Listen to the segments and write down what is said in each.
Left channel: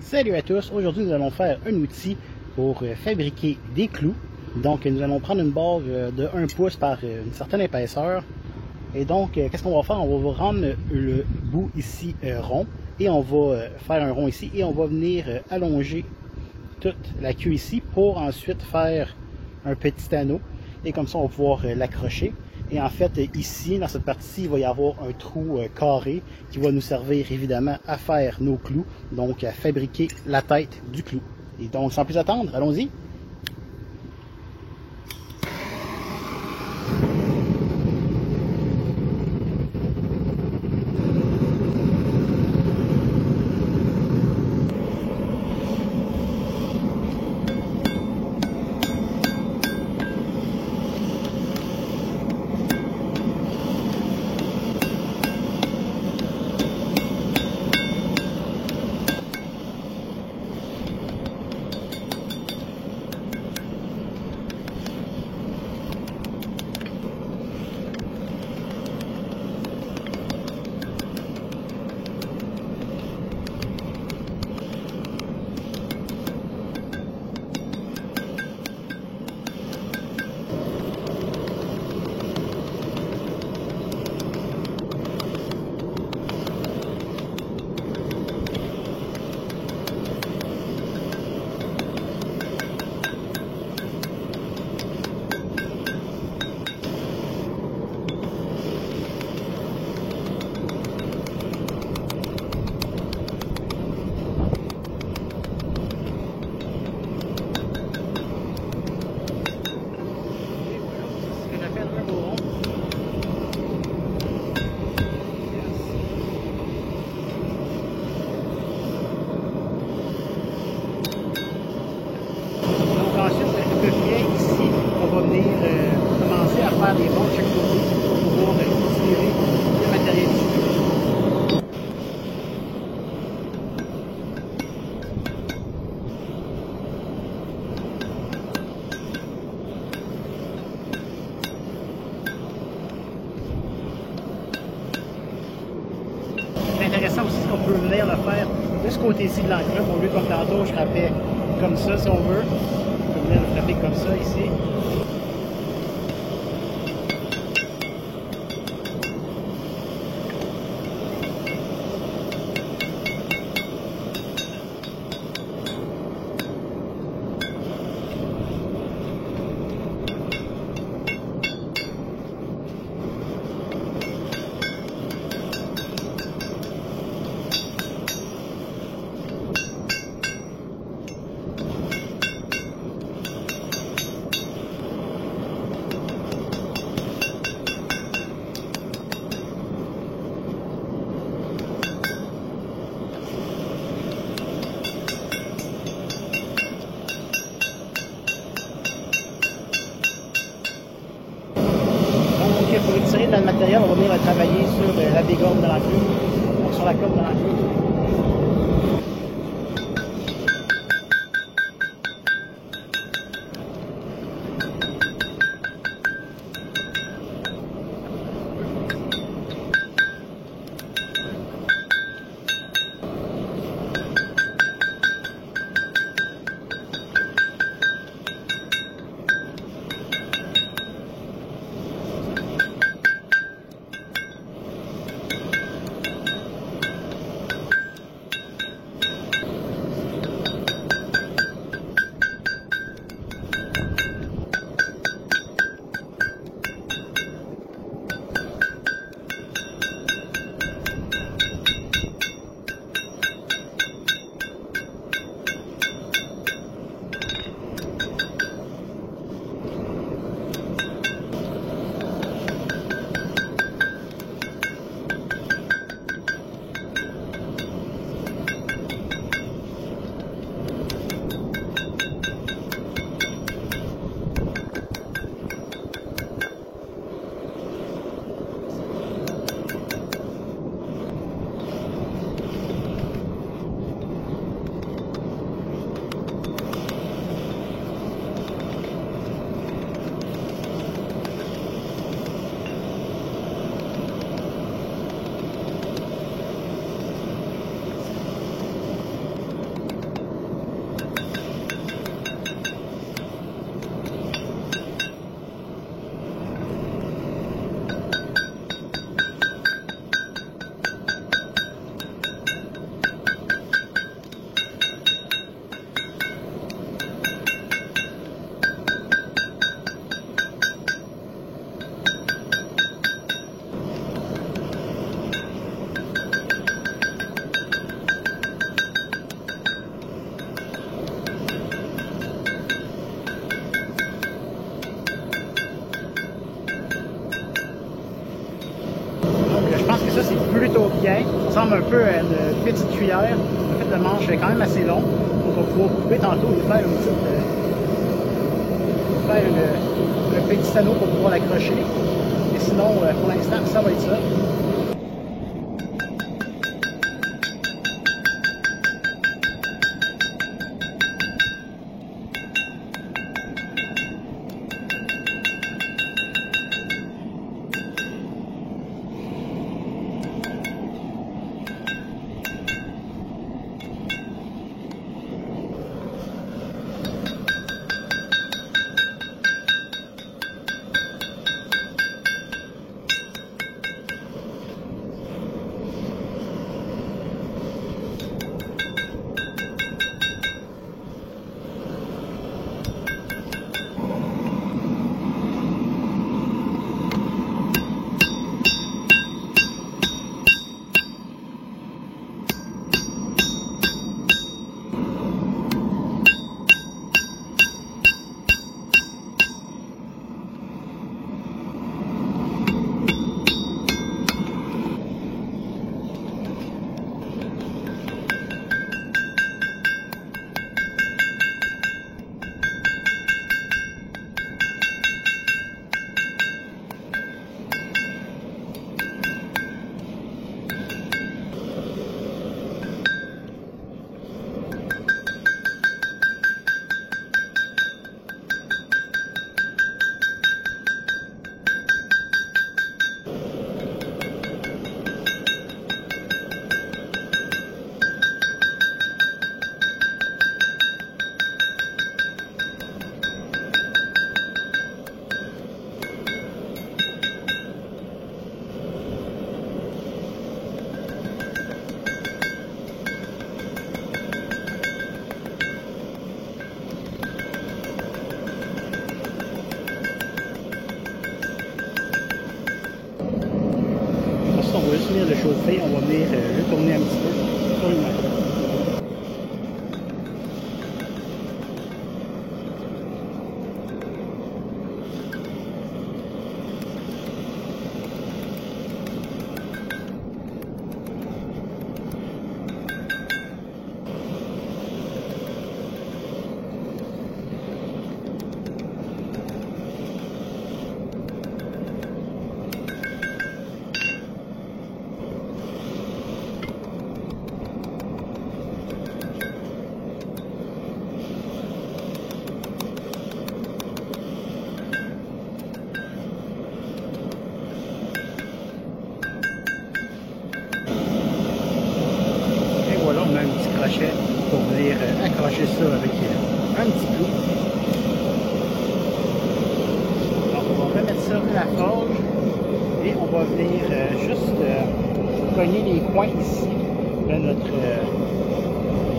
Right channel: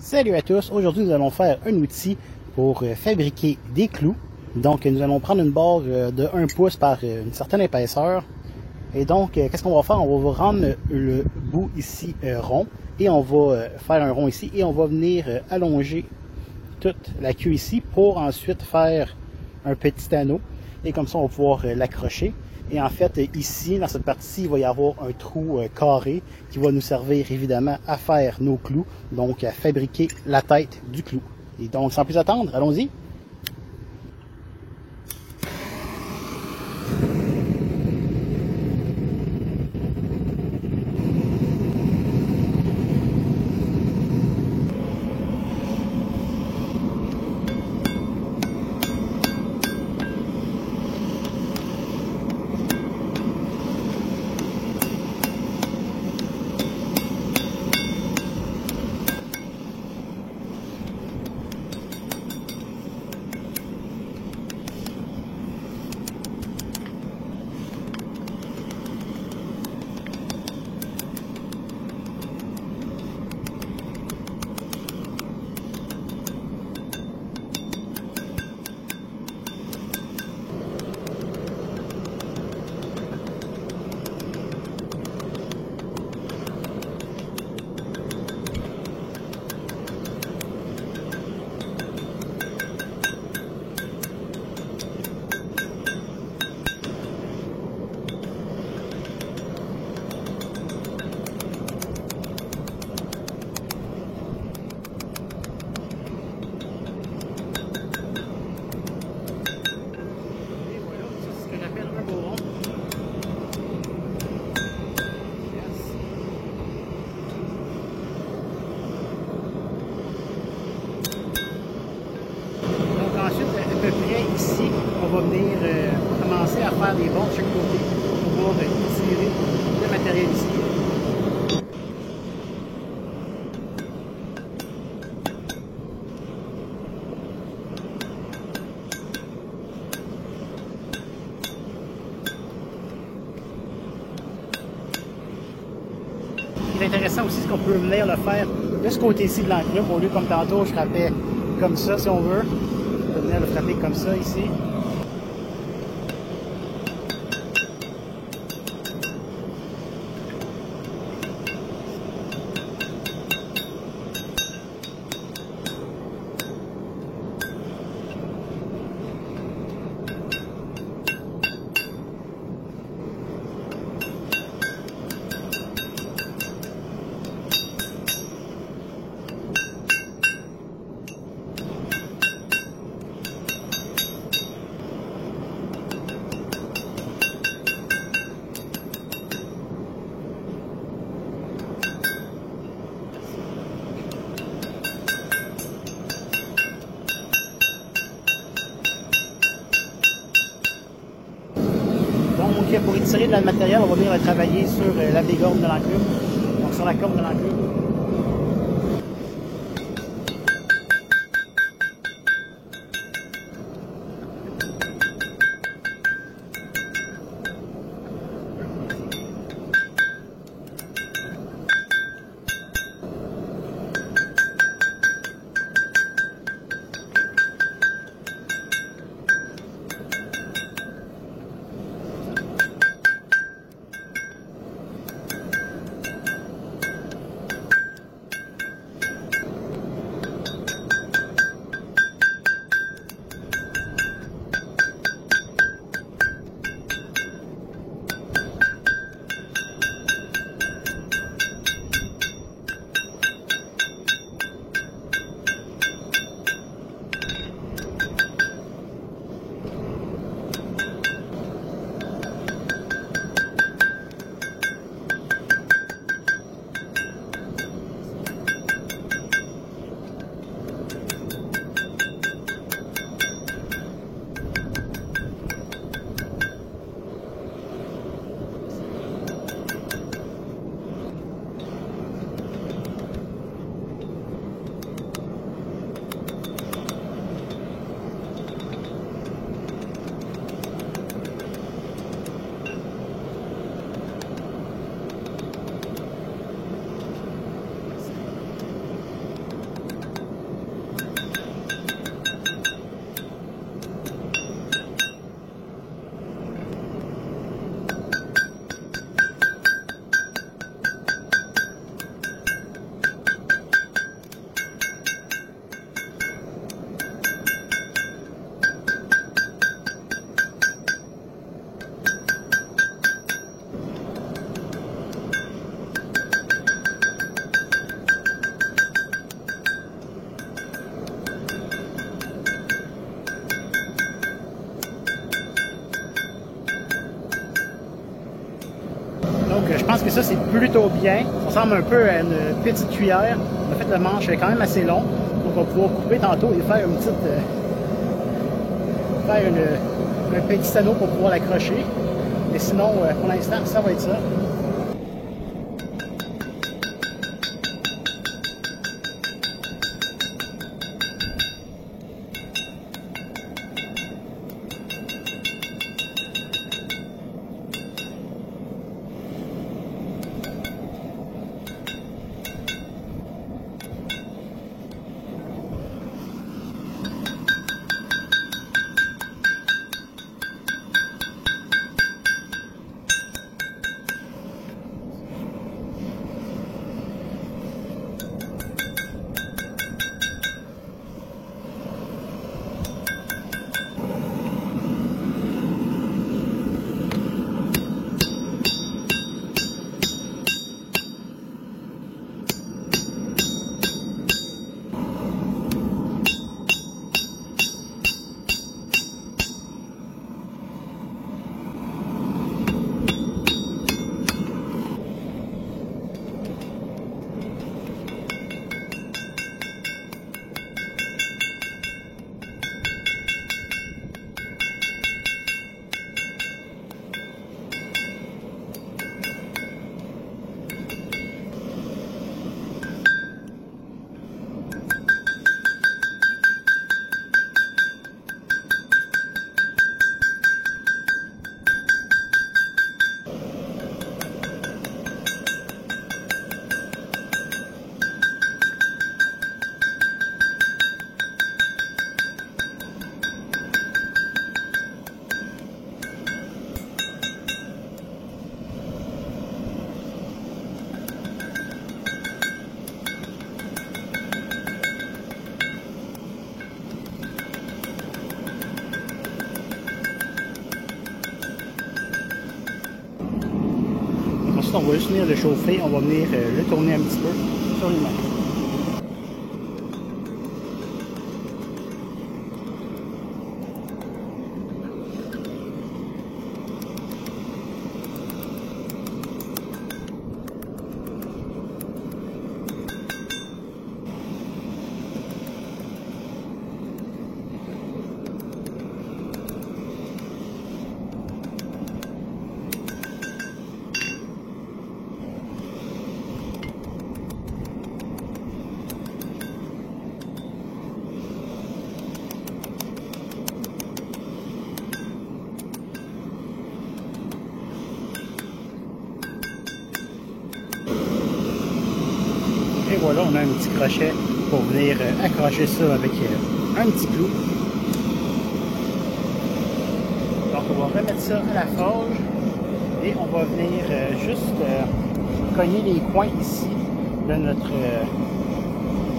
Salut à tous, aujourd'hui nous allons faire un outil pour fabriquer des clous. Donc nous allons prendre une barre de 1 pouce par une certaine épaisseur. Et donc qu'est-ce qu'on va faire? On va rendre le bout ici rond et on va faire un rond ici et on va venir allonger toute la queue ici pour ensuite faire un petit anneau et comme ça on va pouvoir l'accrocher. Et en fait, ici, dans cette partie-ci, il va y avoir un trou carré qui va nous servir évidemment à faire nos clous, donc à fabriquer la tête du clou. Et donc, sans plus attendre, allons-y. J'appelle un beau rond. Yes. Donc ensuite, ce que je fais ici, on va venir commencer à faire les bords de chaque côté pour pouvoir tirer le matériel ici. C'est intéressant aussi ce qu'on peut venir le faire de ce côté-ci de l'enclume, au lieu comme tantôt je frappais comme ça si on veut. On peut venir le frapper comme ça ici. Donc, pour étirer le matériel, on va venir travailler sur la dégorge de l'enclume, donc sur la corde de l'enclume. plutôt bien. Ça ressemble un peu à une petite cuillère. En fait, le manche est quand même assez long. Donc on va pouvoir couper tantôt et faire une petite... un petit anneau pour pouvoir l'accrocher. Mais sinon, pour l'instant, ça va être ça. On va juste venir le chauffer, on va venir le tourner un petit peu sur le macro. Et voilà, on a un petit crochet pour venir accrocher ça avec un petit clou. Donc on va remettre ça à la forge et on va venir juste cogner les points ici de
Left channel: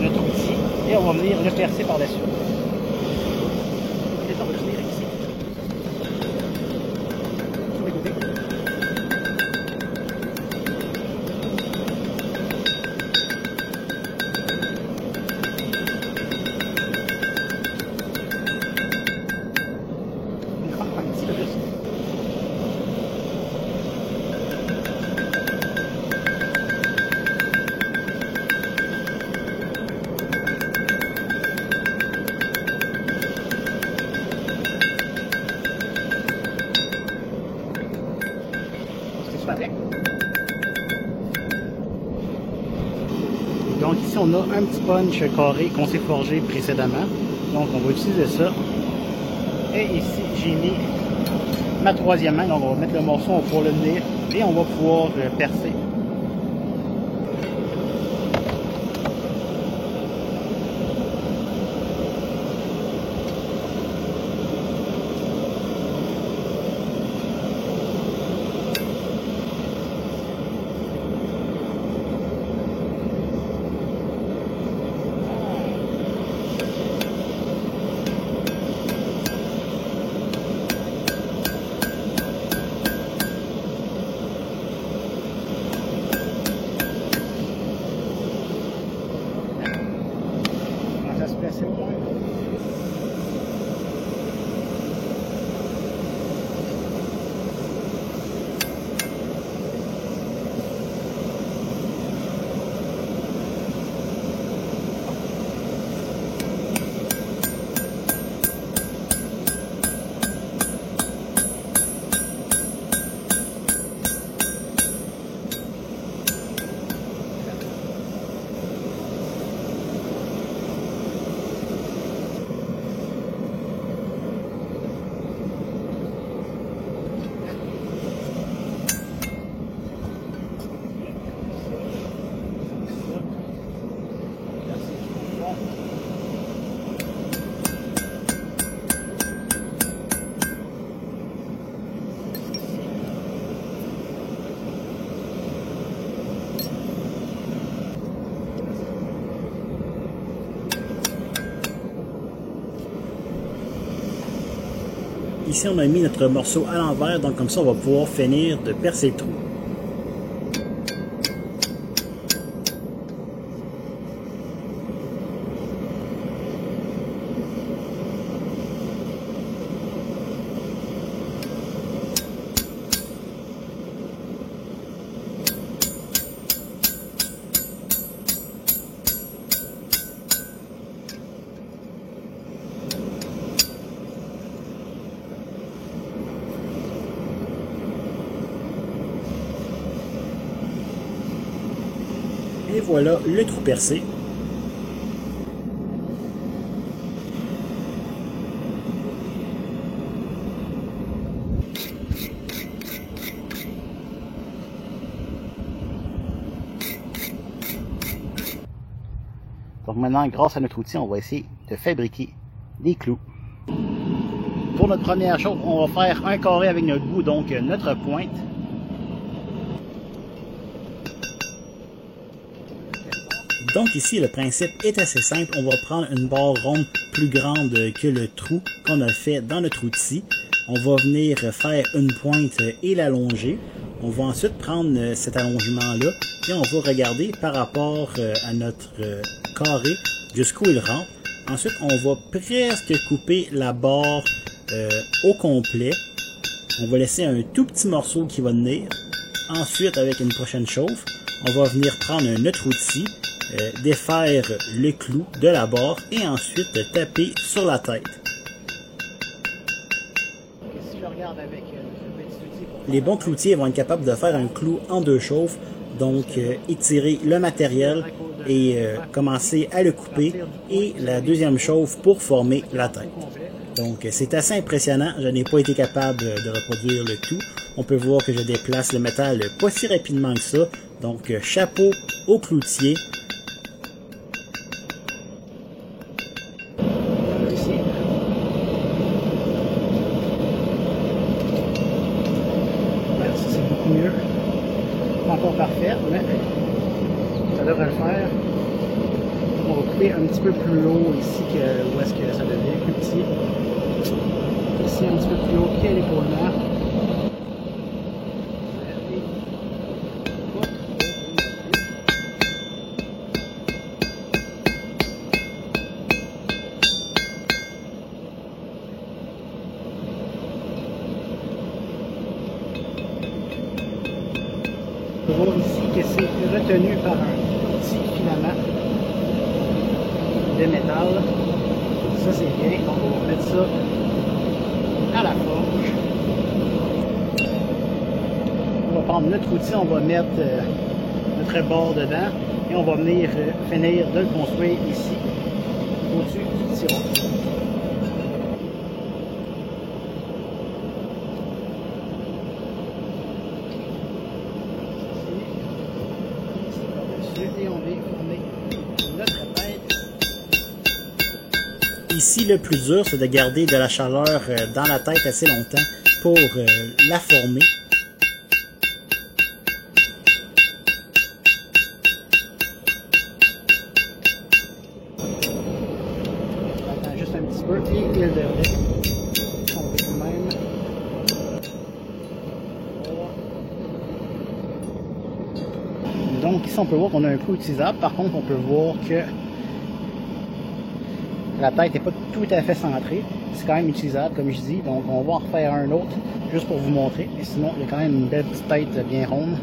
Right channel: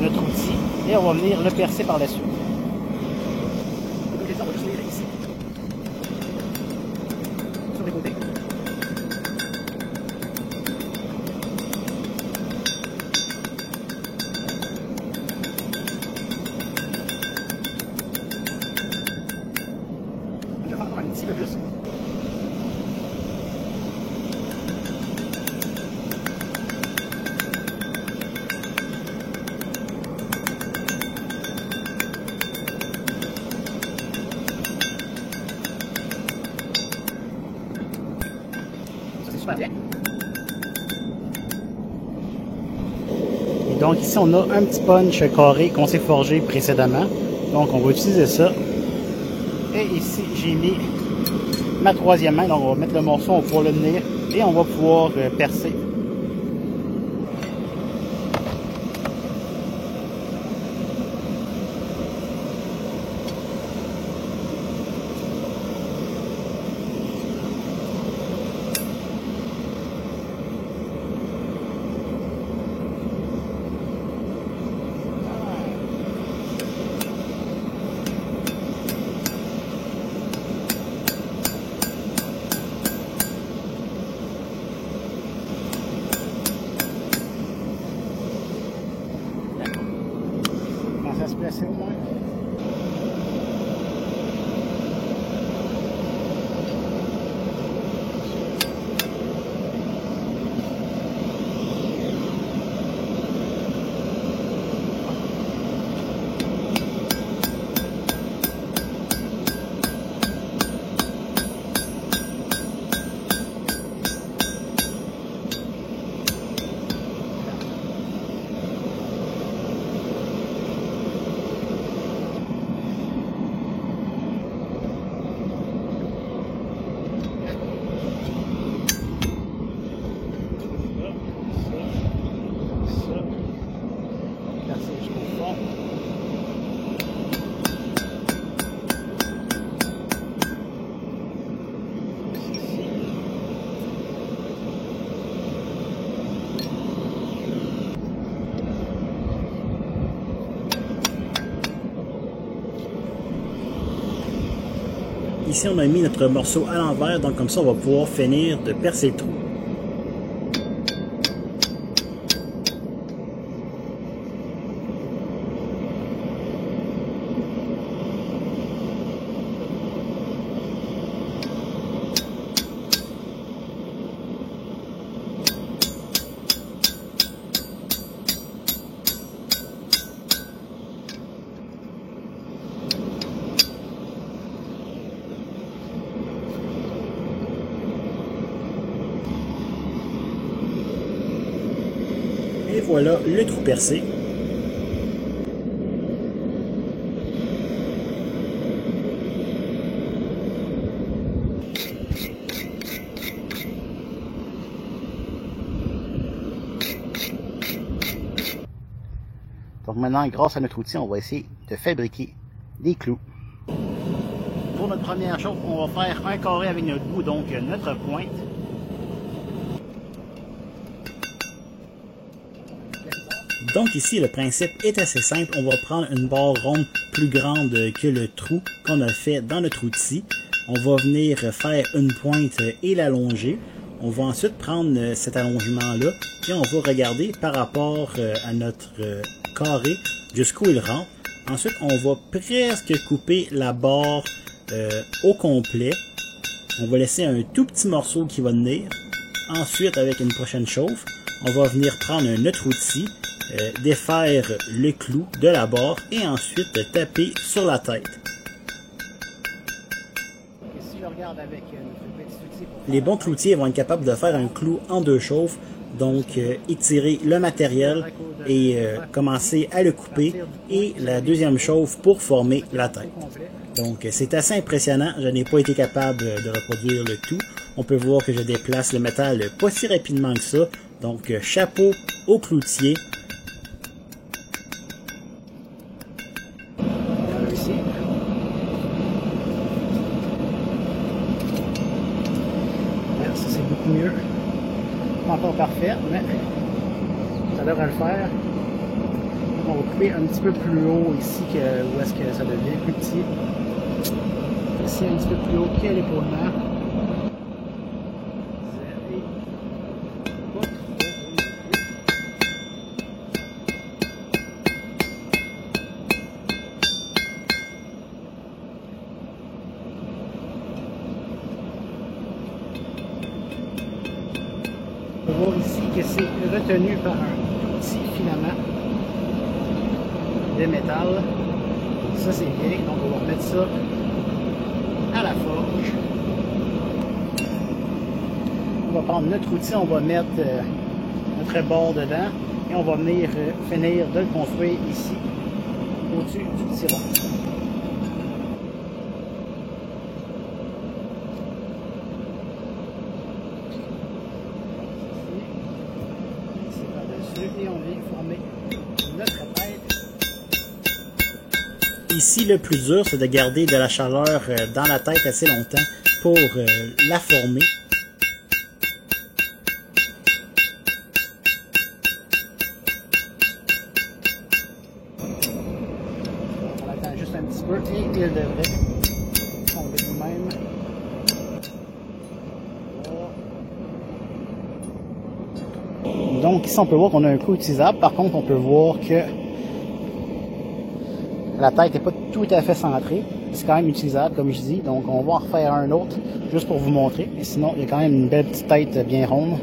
notre outil et on va venir le percer par la suite. Donc ici on a un petit punch carré qu'on s'est forgé précédemment. Donc on va utiliser ça. Et ici j'ai mis ma troisième main. Donc on va mettre le morceau, on va pouvoir le tenir et on va pouvoir percer. ici on a mis notre morceau à l'envers, donc comme ça on va pouvoir finir de percer le trou. Et voilà le trou percé. Donc maintenant, grâce à notre outil, on va essayer de fabriquer des clous. Pour notre première chose, on va faire un carré avec notre bout, donc notre pointe. Donc ici, le principe est assez simple. On va prendre une barre ronde plus grande que le trou qu'on a fait dans notre outil. On va venir faire une pointe et l'allonger. On va ensuite prendre cet allongement-là et on va regarder par rapport à notre carré jusqu'où il rentre. Ensuite, on va presque couper la barre au complet. On va laisser un tout petit morceau qui va tenir. Ensuite, avec une prochaine chauffe, on va venir prendre un autre outil, défaire le clou de la barre et ensuite taper sur la tête. Les bons cloutiers vont être capables de faire un clou en deux chauffes, donc étirer le matériel et commencer à le couper, et la deuxième chauffe pour former la tête. Donc c'est assez impressionnant, je n'ai pas été capable de reproduire le tout. On peut voir que je déplace le métal pas si rapidement que ça, donc chapeau au cloutier. Mieux. Pas encore parfait, mais ça devrait le faire. On va couper un petit peu plus haut ici que où est-ce que ça devient plus petit. Ici un petit peu plus haut que l'épaulement. On peut voir ici que c'est retenu par un tout petit filament de métal. Donc ça c'est bien, donc on va remettre ça à la forge. On va prendre notre outil, on va mettre notre barre dedans et on va venir finir de le construire ici au-dessus du tiron. Et on vient former notre tête. Ici, le plus dur, c'est de garder de la chaleur dans la tête assez longtemps pour la former. On attend juste un petit peu et il devrait tomber lui-même. Donc ici on peut voir qu'on a un clou utilisable, par contre on peut voir que la tête n'est pas tout à fait centrée, c'est quand même utilisable comme je dis, donc on va en refaire un autre juste pour vous montrer, mais sinon il y a quand même une belle petite tête bien ronde.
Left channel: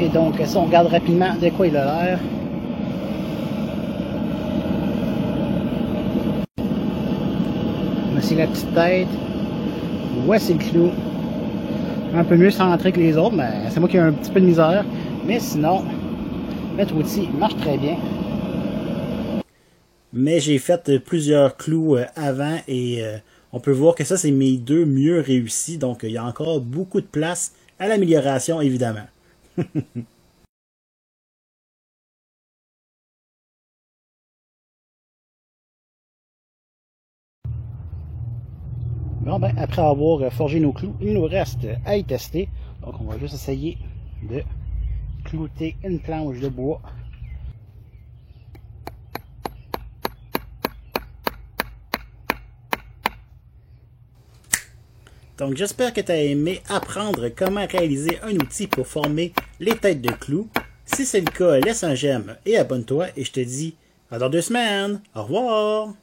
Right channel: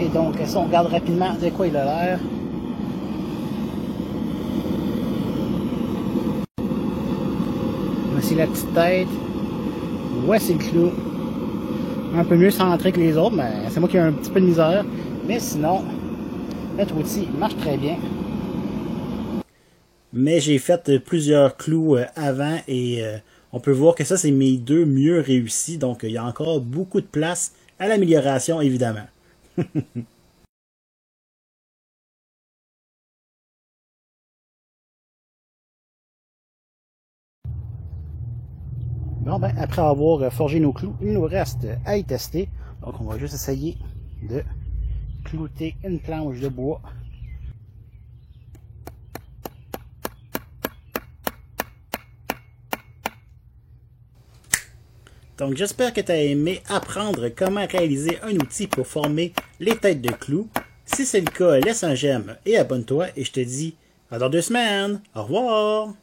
Et donc, si on regarde rapidement de quoi il a l'air. Voici la petite tête. Voici le clou. Un peu mieux centré que les autres, mais c'est moi qui ai un petit peu de misère. Mais sinon, notre outil marche très bien. Mais j'ai fait plusieurs clous avant et on peut voir que ça, c'est mes deux mieux réussis. Donc, il y a encore beaucoup de place à l'amélioration, évidemment. Bon, ben, après avoir forgé nos clous, il nous reste à y tester. Donc, on va juste essayer de clouter une planche de bois. Donc, j'espère que tu as aimé apprendre comment réaliser un outil pour former les têtes de clous. Si c'est le cas, laisse un j'aime et abonne-toi et je te dis à dans 2 semaines. Au revoir!